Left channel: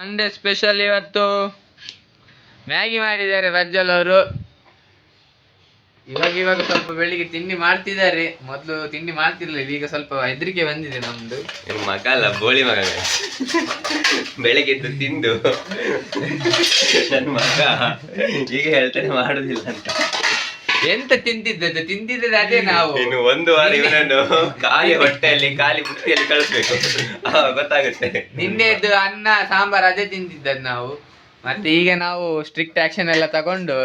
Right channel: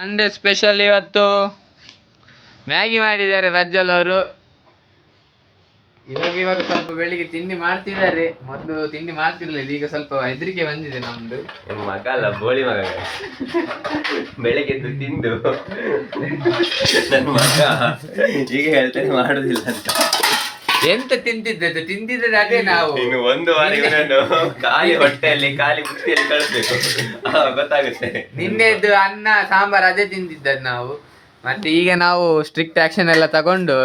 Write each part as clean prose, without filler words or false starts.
Sunday special ಇವತ್ತು Maggi ಮಾಡಿದ್ದಾರೆ ಪ್ರಜ್ವಲ್ ಅವರು. ಇವಾಗ ಸ್ವಲ್ಪ ಬೆಳಿಗ್ಗೆ ತಿಂಡಿ ಮಾಡ್ತಿದ್ದಾರೆ. ಮೊದಲು ತಿಂಡಿ ಮಾಡ್ತಿರ್ಲಿಲ್ಲ, ಈಗ ಸ್ವಲ್ಪ ಹೆದರಿಕೆ ಬಂದಿದೆ ನಮ್ದು. ಮಗ ಅಲ್ಲ, ಬೋಳಿ ಮಗ. ಬೆಳಿಗ್ಗೆ ಎದ್ದು ತಿಂದು ನನ್ನ ಮಗ ಈಗ ಹೇಳ್ತಾನೆ ಮಾಡುದಿಲ್ಲ ಅಂತ. ಎಂತ ತಿಂತಿದ್ದದ್ದು ಅದೇ ನಾವು. ಇನ್ನು ಒಂದು ವಾರ ಇವನನ್ನು ಖಾಲಿ ಹೊಟ್ಟೆಯಲ್ಲಿ ಖಾಲಿ ಬುತ್ತಿಯಲ್ಲಿ ಕಳಿಸ್ಬೇಕು, ಗೊತ್ತಾಗುತ್ತೆ. ನಿನ್ನೆದ್ದು ಅನ್ನ ಸಾಂಬಾರ್ ಅದೇ ತಿಂತಿದ್ದದ್ದು ನಾವು. ಮತ್ತೆ ಈಗ ನಾವು ಸ್ಟ್ರಿಕ್ಟ್ ಆಕ್ಷನ್ ಎಲ್ಲ ತಗೊಂಡು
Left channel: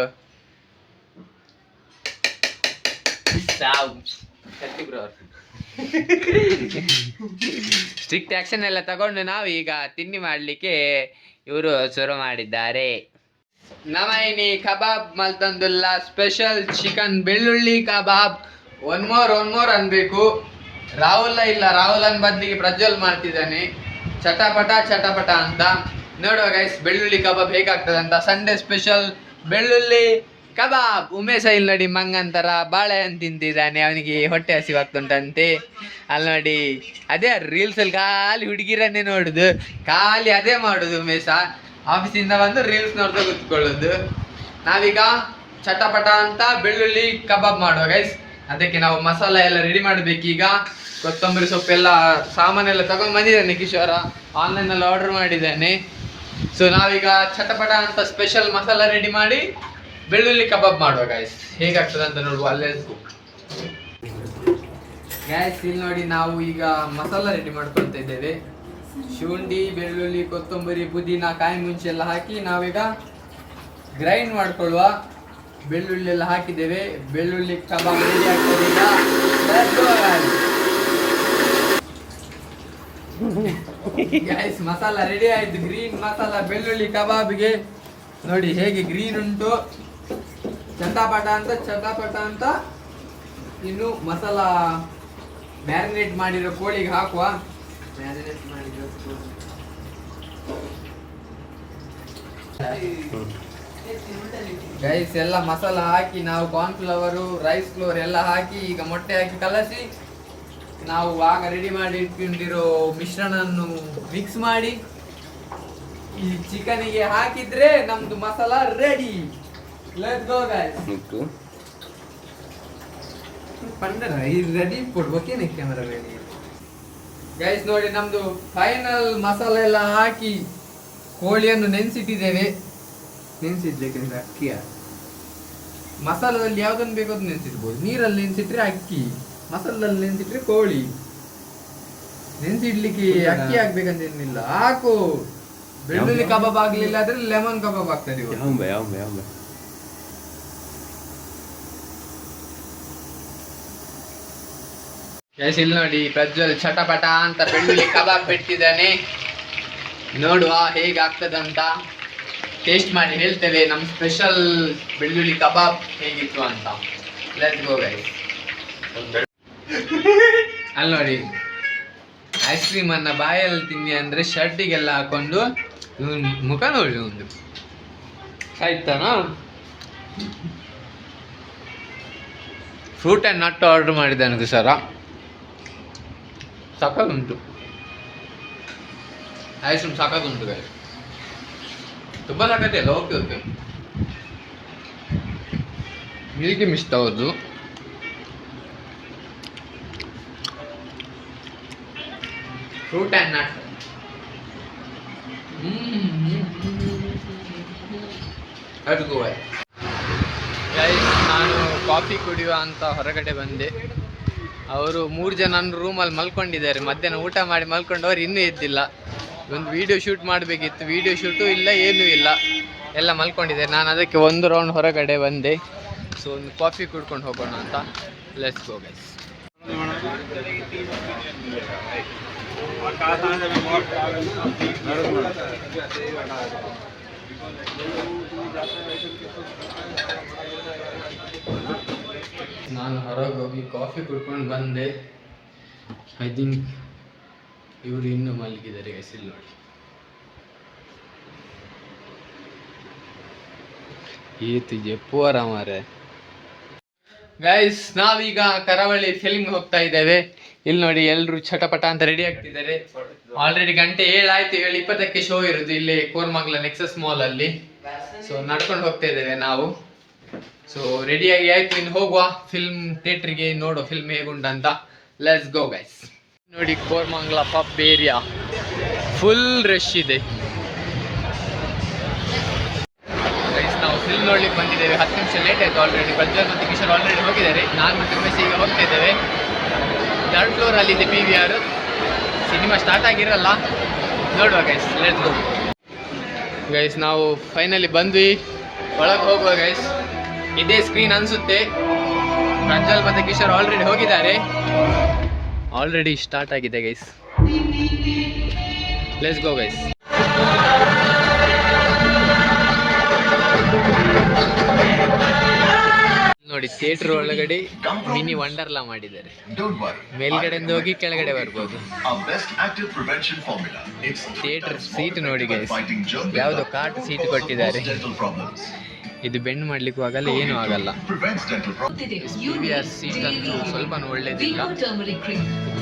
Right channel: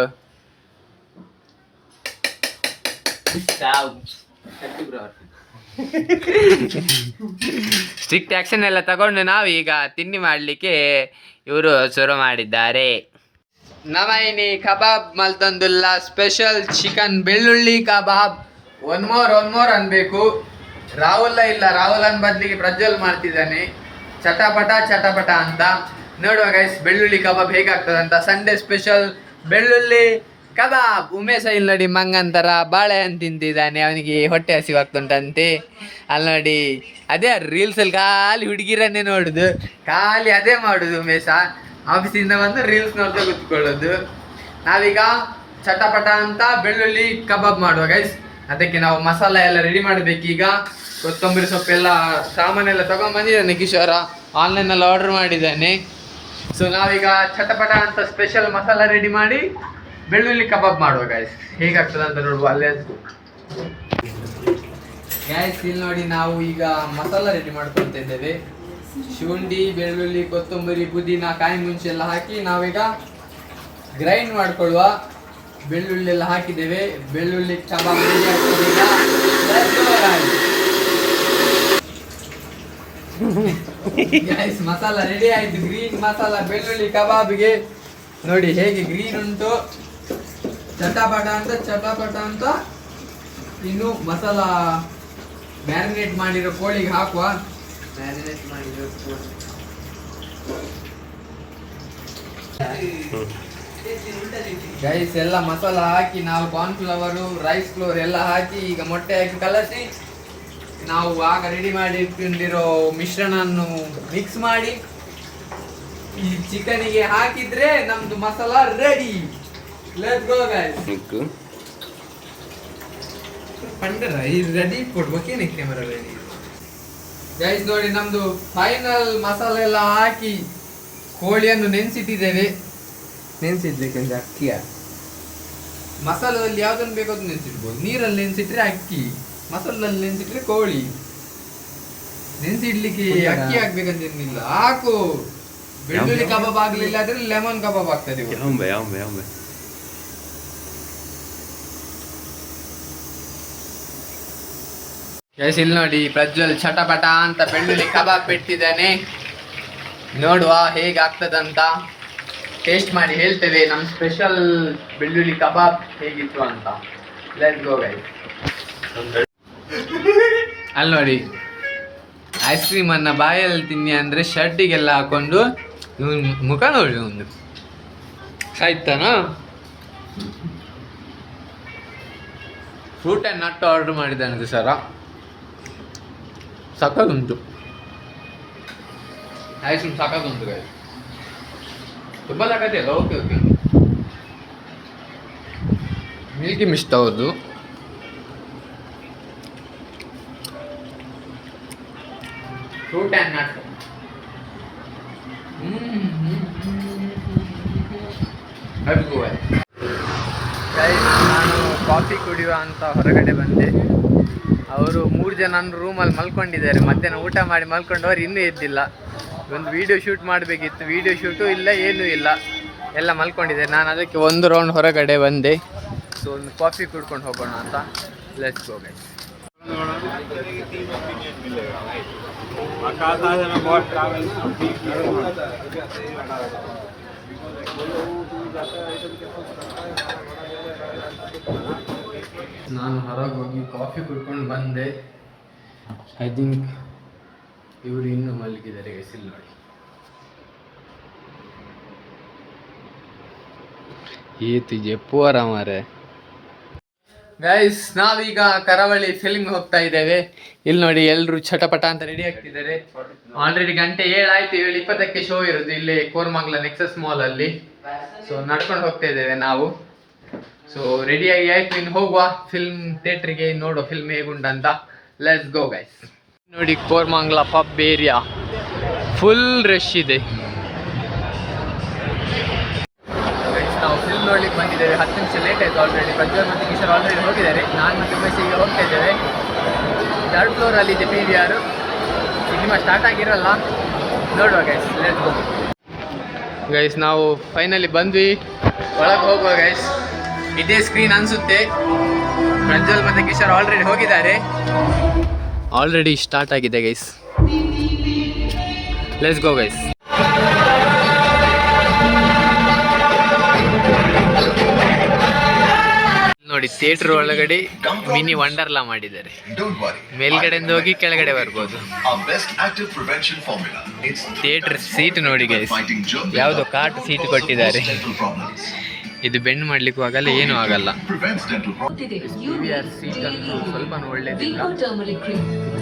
ಸ್ಟ್ರಿಕ್ಟ್ ಆಕ್ಷನ್ ಎಲ್ಲ ತಗೊಂಡು ನಾವು ಈಗ ತಿಂಡಿ ಮಾಡಲಿಕ್ಕೆ ಇವರು ಶುರು ಮಾಡಿದ್ದಾರೆ. ನಮೈನಿ ಕಬಾಬ್ ಮಲ್ತಂದುಲ್ಲ ಸ್ಪೆಷಲ್ ಚಿಕನ್ ಬೆಳ್ಳುಳ್ಳಿ ಕಬಾಬ್. ಒನ್ ಮೋರ್ ಅನ್ಬೇಕು. ರಾಹುಲ್ ಇಲ್ಲ, ರಾಹುಲ್ ಬದಲಿಗೆ ಪ್ರಜ್ವಲ್ ಮಾಡ್ತಿದ್ದಾನೆ. ಚಟಪಟ ಅಂತ ನೋಡುವ ಗೈಸ್, ಬೆಳ್ಳುಳ್ಳಿ ಕಬಾಬ್ ಹೇಗಾಗ್ತದೆ ಅಂತ. ಸಂಡೇ ಸ್ಪೆಷಲ್ ಬೆಳ್ಳುಳ್ಳಿ ಕಬಾಬ್. ಉಮೇಶ ಇಲ್ಲಿ ನೋಡಿ ಮಂಗಂತರ ಬಾಳೆಹಣ್ಣು ತಿಂತಿದ್ದಾನೆ, ಅವನಿಗೆ ಹೊಟ್ಟೆ ಹಸಿವಾಗ್ತುಂಟಂತೆ. ಅಲ್ಲಿ ನೋಡಿ ಅದೇ ರೀಲ್ಸಲ್ಲಿ ಖಾಲಿ ಹುಡುಗಿರನ್ನೇ ನೋಡುದು, ಖಾಲಿ ಅದೇ ಮಾಡುದು ಉಮೇಶ. ಆಫೀಸಿಂದ ಬಂದು ರೀಲ್ಸ್ ನೋಡ್ತಾ ಕೂತ್ಕೊಳ್ಳೋದು. ನಾವೀಗ ಚಟಪಟ ಅಂತ ಬೆಳ್ಳುಳ್ಳಿ ಕಬಾಬ್ ಮಾಡುವ ಗೈಸ್. ಅದಕ್ಕೆ ನಾವು ಮಸಾಲ ಎಲ್ಲ ರೆಡಿ ಮಾಡಬೇಕೀಗ. ಕೊತ್ತಂಬರಿ ಸೊಪ್ಪೆಲ್ಲ ಸಾಮಾನೆಲ್ಲ ತಗೊಂಡ್ಬಂದಿದ್ದಾನೆ ಕಿಶೋರ, ಆನ್ಲೈನಲ್ಲಿ ಆರ್ಡರ್ ಮಾಡಿದ್ದಾನೆ. ಸೊ ನಾವೀಗ ಚಟಪಟ ಅಂತ ಸ್ಪೆಷಲ್ ಮಸಾಲ ರೆಡಿ ಮಾಡಿ ಬೆಳ್ಳುಳ್ಳಿ ಕಬಾಬ್ ಮಾಡುವ ಗೈಸ್. ಹೇಗಾಗ್ತದೆ ಅಂತ ನೋಡುವ. ಅಲ್ಲೇ ಗೈಸ್ ಇಲ್ಲಿ ನೋಡಿ, ನಾವು ಈಗ ಮಸಾಲ ರೆಡಿ ಮಾಡ್ಕೊಳ್ತಾ ಇದ್ದೇವೆ. ಶುಂಠಿ, ಬೆಳ್ಳುಳ್ಳಿ, ಕೊತ್ತಂಬರಿ, ಪುದೀನ, ಕಾಯಿ ಮುಂಚೆ ಎಲ್ಲ ಹಾಕಿ ನಾವೀಗ ಗ್ರೈಂಡ್ ಮಾಡ್ಕೊಳ್ಳುವ. ಬೆಳ್ಳುಳ್ಳಿ ಎಲ್ಲ ಹಾಕಿದ್ದೇವೆ. ಬೆಳ್ಳುಳ್ಳಿ ಕಬಾಬ್ ರೆಡಿ ಆಗ್ತದೆ. ಗೈಸ್ ಮಸಾಲ ರೆಡಿ ಆಯ್ತು. ಗ್ರೀನ್ ಮಸಾಲ ಬೆಳ್ಳುಳ್ಳಿ ಕಬಾಬ್ಗೆ ನೋಡಿ ಹೇಗೆ ಗ್ರೀನ್ ಉಂಟು. ಚಟಪಟ ಅಂತ ಇನ್ನು ಮಸಾಲ ಮ್ಯಾರಿನೇಟ್ ಮಾಡಿರೋ ಕೋಳಿಗೆ ಹಾಕುವ. ಗೈಸ್ ಎಲ್ಲ ಮಸಾಲ ಹಾಕಿ ನಾವು ಕಾರ್ನ್ಫ್ಲವರು, ರೈಸ್ ಫ್ಲೋರ್ ಎಲ್ಲ ಹಾಕಿ ಈಗ ಮೊಟ್ಟೆ ಹಾಕಿ ಕಲಸಿ ನಾವು ಆಗ ರೆಡಿ ಮಾಡಿ ಇಟ್ಕೊಂಡಿರೋ ಮಿಶ್ರಣವನ್ನು ಮಿಕ್ಸ್ ಮಾಡಿ ಈ ಚಿಕನಿಗೆ ಹಾಕಿದ್ರೆ ನಮ್ದು masala ready. Let's go guys. Ready ಕೊಡ್ಬೇಕೇನೆ ಕ್ಯಾಮರಾ ರೆಡಿ. ಗೈಸ್ ನೋಡಿ, ನಮ್ದು ಫೈನಲ್ ಮಸಾಲೆ ಎಲ್ಲ ಹಾಕಿ ಕೋಳಿಯನ್ನು ನೆನೆಸಿಟ್ಟಿದ್ದೇವೆ. ನೆನೆಸಿಡ್ಬೇಕಂದ್ರೆ ಅಕ್ಕಿಯ ಮಸಾಲದಲ್ಲಿ ಯಾವ್ದನ್ನು ಬೇಕೋ ಅದು ನೆನೆಸಿಡ್ಬೋದು. ನೀರಲ್ಲಿ ನೆನೆಸಿಟ್ರೆ ಅಕ್ಕಿ, ಮಸಾಲದಲ್ಲಿ ನೆನೆಸಿಟ್ರೆ ಕೋಳಿ. ನೆನೆಸಿಡ್ಲಿಕ್ಕೆ ಅಕ್ಕಿ ಹಾಕ್ಬೇಕಂತೇನಿಲ್ಲ, ಹಾಕು. ಬೆಳ್ಳುಳ್ಳಿ ಕಬಾಬ್ ಆಗ್ಲಿಲ್ಲ ಆದ್ರೆ ಲೆಮನ್ ಕಬಾಬ್ ಆಗ್ತದೆ. ಗೈಸ್ ಇಲ್ಲಿ ನೋಡಿ, ಪ್ರಜ್ವಲ್ ಚಟಪಟ ಅಂತ ಬೆಳ್ಳುಳ್ಳಿ ಕಬಾಬ್ ಬಿಟ್ಟಿದ್ದಾನೆ. ನೋಡುವ ಹೇಗಾಗ್ತದಂತ. ಟೇಸ್ಟ್ ಮಾಡಿ ಹೇಳ್ತೇವೆ ನಮ್ಮ ಸ್ಪೆಷಲ್ ಬೆಳ್ಳುಳ್ಳಿ ಕಬಾಬ್ ಹೇಗಿತ್ತು ಅಂತ. Let's go guys. ಅಲ್ಲಿ ನೋಡಿ, ಐಸ್ ಕ್ರೀಮ್ ಅನ್ನ ಬಾಯಲ್ಲಿ ತಿನ್ನಿ ಅಂದ್ರೆ ಶರ್ಟಿಗೆಲ್ಲ ಹಾಕೊಂಡು ಮುಖ ನೋಡಿ ಒಂದು ಸಾಯ್ತಾನ. ಫ್ರೂಟ್ ಆ್ಯಂಡ್ ನಟ್ ಆರ್ಡರ್ ಮಾಡಿದ್ದಾನೆ ಸರ. ಸಖತ್ತುಂಟು ಐಸ್ ಕ್ರೀಮ್, ಸಖತ್ತುಂಟು ಗೈಸ್. ತುಂಬ ಸಖತ್ತೆ ಅಲ್ಲ. ಓಕೆ ಮಿಲ್ಕಿ ಮಿಸ್ಟ್ ಅವ್ರದ್ದು. Fruit and nut. ಗೈಸ್ ನಾನು ಕಾಫಿ ಕುಡಿಯುವ ಅಂತ ಹೊರಗಡೆ ಬಂದೆ. ಅವರು 3 ಜನ ರೂಮಲ್ಲಿ ಮಲ್ಕೊಂಡಿದ್ದಾರೆ. ಮಧ್ಯಾಹ್ನ ಊಟ ಮಾಡಿ ಮಲ್ಕೊಂಡವ್ರು ಇನ್ನೂ ಎದ್ದಿಲ್ಲ. ಒಂದು ವಿಡಿಯೋ ಶೂಟ್ ಮಾಡಬೇಕಿತ್ತು, ವಿಡಿಯೋ ಶೂಟು ಇಲ್ಲ, ಏನೂ ಇಲ್ಲ, ಎಲ್ಲ ಮಲ್ಕೊಂಡಿದ್ದಾರೆ. ನಾನು ಅದಕ್ಕೆ ಒಂದು ರೌಂಡ್ ಹೊರಗಡೆ ಬಂದೆ. ಸೊ ಒಂದು ಕಾಫಿ ಕುಡ್ಕೊಂಡು ಹೋಗೋಣ ಅಂತ. Let's go guys. ನಾನು ಹೊರಗೆ ಹೋಗಿ ಕಾಫಿ ಕುಡ್ಕೊಂಡು ಬಂದೆ. ಐ ಥಿಂಕ್ ಇವರು ಇನ್ನೂ ಮಲಗಿದ್ದಾರೆ ಗೈಸ್. ಇಲ್ಲಿ ನೋಡಿ, ये तुझे पोरा मारे. ಗೈಸ್ ನಾವೀಗ ಕರಾವಳಿ ಫಿಲ್ಮ್ ಹೋಗ್ತಾ ಇದ್ದೇವೆ. ಇಲ್ಲಿ ನೋಡಿ ಎಲ್ರು ಚಟಪಟ ಅಂತ ರೆಡಿ ಆಗ್ತಿದ್ದಾರೆ. ಆಲ್ರೆಡಿ ಗಂಟೆ 7 ಆಯ್ತು. 7:20ಕ್ಕೆ ಶೋ ಇರೋದು ಇಲ್ಲಿ ಕೋರ್ಮಂಗ್ಲ ನೆಕ್ಸಸ್ ಮಾಲ್ ಅಲ್ಲಿ. ಸೊ ನಡ್ಕೊಂಡು ಹೋಗ್ತಾ ಇದ್ದೇವೆ ನಾವು. ಸೊ ರೆಡಿಯಾಗಿ ಆಯ್ತು, ಇನ್ನು ಹೋಗುವ ಫಿಲ್ಮ್ ಥಿಯೇಟ್ರಿಗೆ, ನೋಡೋ ಫಿಲ್ಮ್ ಹೇಗುಂಟಂತ. Let's go guys. ನೋಡಿ Koramangala pub area full rush ಇದೆ. ನಾವು ಫಿಲ್ಮ್ ನೋಡ್ಲಿಕ್ಕೆ ಬಂದಿದ್ದೇವೆ. 10 ನಿಮಿಷ ಲೇಟ್ ಆಯಿತು ಆಲ್ರೆಡಿ. ಪ್ರಜ್ವಲ್ ಮತ್ತು ಕಿಶೋರ್ ಆಲ್ರೆಡಿ ಹೋಗಿದ್ದಾರೆ. ನಾನು ಮತ್ತು ಉಮೇಶ್ ಈಗ ಹೋಗ್ತಾ ಇದ್ದೇವೆ. 3rd ಫ್ಲೋರಲ್ಲಿ ಇದೆ PVR. ಸಿನಿಮಾ ಸ್ಟಾರ್ಟ್ ಆಗಿರಲ್ಲ, ನೋಡುವ ಗೈಸ್. Let's go guys. ನಾವು ಫೈನಲಿ ಬಂದ್ವಿ, ಒಳಗೆ ಹೋಗುವ ಗೈಸ್. ಇದೇ ಸ್ಕ್ರೀನ್ ಅನಿಸುತ್ತೆ. ಪ್ರಜ್ವಲ್ ಮತ್ತು ಕಿಶೋರ್ ಆಲ್ರೆಡಿ ಹೋಗಿದ್ದಾರೆ. ಆಲ್ರೆಡಿ ಸ್ಟಾರ್ಟ್ ಆಗಿದೆ ಗೈಸ್. Let's go guys. ನೋಡಿ ಥಿಯೇಟರ್ ಒಳಗಡೆ ಮಿನಿ ವಂಡರ್ಲಾ ಮಾಡಿದ್ದಾರೆ. ಮೇಲ್ಗಡೆಯಿಂದ ಹೋಗಿ ಕೆಳಗಡೆ ಬರ್ಬೋದು. ಥಿಯೇಟರ್ ಸೀಟ್ ನೋಡಿ ಗೈಸ್, ಯಾವುದೋ ಕಾಟ್ ಸೀಟ್ ಕೊಟ್ಟಿದ್ದಾರೆ. ಇದು ಬೆಂಡ್ ಮಾಡ್ಲಿಕ್ಕೂ ಆಗಲ್ಲ, ಏನೂ ಆಗಲ್ಲ. PVR ಸೀಟ್ ಅಂತೂ ಸ್ವಲ್ಪ ಒಳ್ಳೇದಿಲ್ಲ.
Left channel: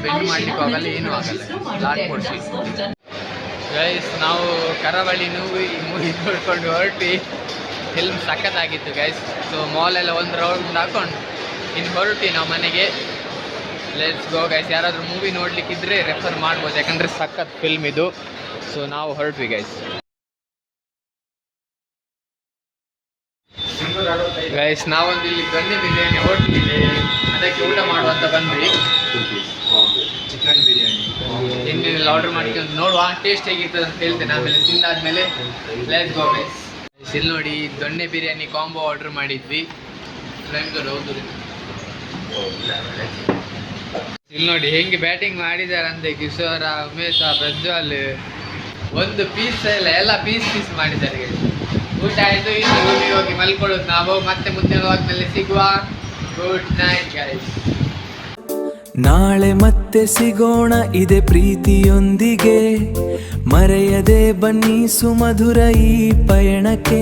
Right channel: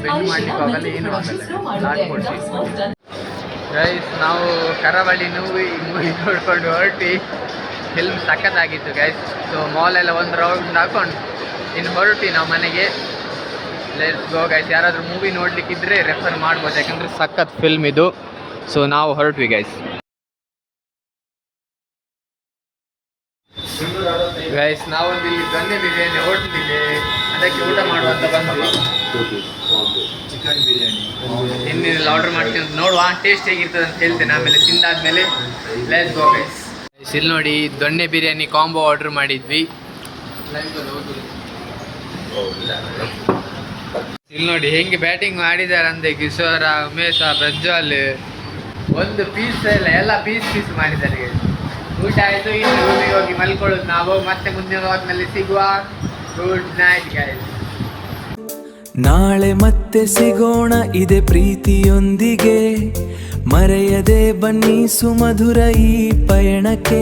ಬೆಂಡ್ ಮಾಡ್ಲಿಕ್ಕೂ ಆಗಲ್ಲ, ಏನೂ ಆಗಲ್ಲ. ಲಾಟ್ಪೋರ್ಟ್ ಸೀಟ್ ಗೈಸ್. ನಾವು ಕರಾವಳಿ ಮೂವಿ ನೋಡ್ಕೊಂಡು ಹೊರಟಿ. ಫಿಲ್ಮ್ ಸಖತ್ತಾಗಿತ್ತು ಗೈಸ್. ಸೊ ಮಾಲೆಲ್ಲ ಒಂದು ರೌಂಡ್ ಹಾಕೊಂಡು ಇನ್ನು ಹೊರಟಿ ನಾವು ಮನೆಗೆ. Let's go guys. ಯಾರಾದರೂ ಮೂವಿ ನೋಡ್ಲಿಕ್ಕಿದ್ರೆ ರೆಫರ್ ಮಾಡ್ಬೋದು, ಯಾಕಂದರೆ ಸಖತ್ ಫಿಲ್ಮ್ ಇದು. ಸೊ ನಾವು ಹೊರಟ್ವಿ ಗೈಸ್. ಗೈಸ್ ನಾವೊಂದು ಇಲ್ಲಿ ದೊಣ್ಣೆ ಬಿರಿಯಾನಿ ಹೋಟೆಲ್ ಇದೆ, ಅದಕ್ಕೆ ಊಟ ಮಾಡುವಂತ ಬಂದ್ವಿ. ಚಿಕನ್ ಬಿರಿಯಾನಿ ಇನ್ನೆಲ್ಲ ಆರ್ಡರ್ ಮಾಡ್ತೀವಿ, ನೋಡುವ ಟೇಸ್ಟ್ ಹೇಗಿರ್ತದೆ ಅಂತ ಹೇಳ್ತೇನೆ ಆಮೇಲೆ. ತಿಂದಾದ್ಮೇಲೆ ಲೆಟ್ಸ್ ಗೋ ಗೈಸ್. ಇಲ್ಲಿ ನೋಡಿ ದೊಣ್ಣೆ ಬಿರಿಯಾನಿ ಕಾಂಬೋ ಆರ್ಡರ್ ಮಾಡಿದ್ವಿ. ಇಲ್ಲಿ ನೋಡಿ ಹೆಂಗೆ ಬ್ಯಾಟಿಂಗ್ ಮಾಡಿದ್ದಾರೆ ಅಂದೆ ಕಿಶೋರ, ಉಮೇಶ, ಪ್ರಜ್ವಲ್. ಒಂದು ಪೀಸ್ ಎಲ್ಲ ಪೀಸ್ ಮಾಡಿದ್ದಾರೆ. ಊಟ ಆಯಿತು, ಇನ್ನು ರೂಮಿಗೆ ಹೋಗಿ ಮಲ್ಕೊಳ್ಳೋದು ನಾವು. ಮತ್ತೆ ಮುಂದಿನ ವಾರದಲ್ಲಿ ಸಿಗುವ. Good night guys. ನಾಳೆ ಮತ್ತೆ ಸಿಗೋಣ ಇದೆ ಪ್ರೀತಿಯೊಂದಿಗೆ. ಮರೆಯದೆ ಬನ್ನಿ ಸುಮಧುರ ಈ ಪಯಣಕ್ಕೆ.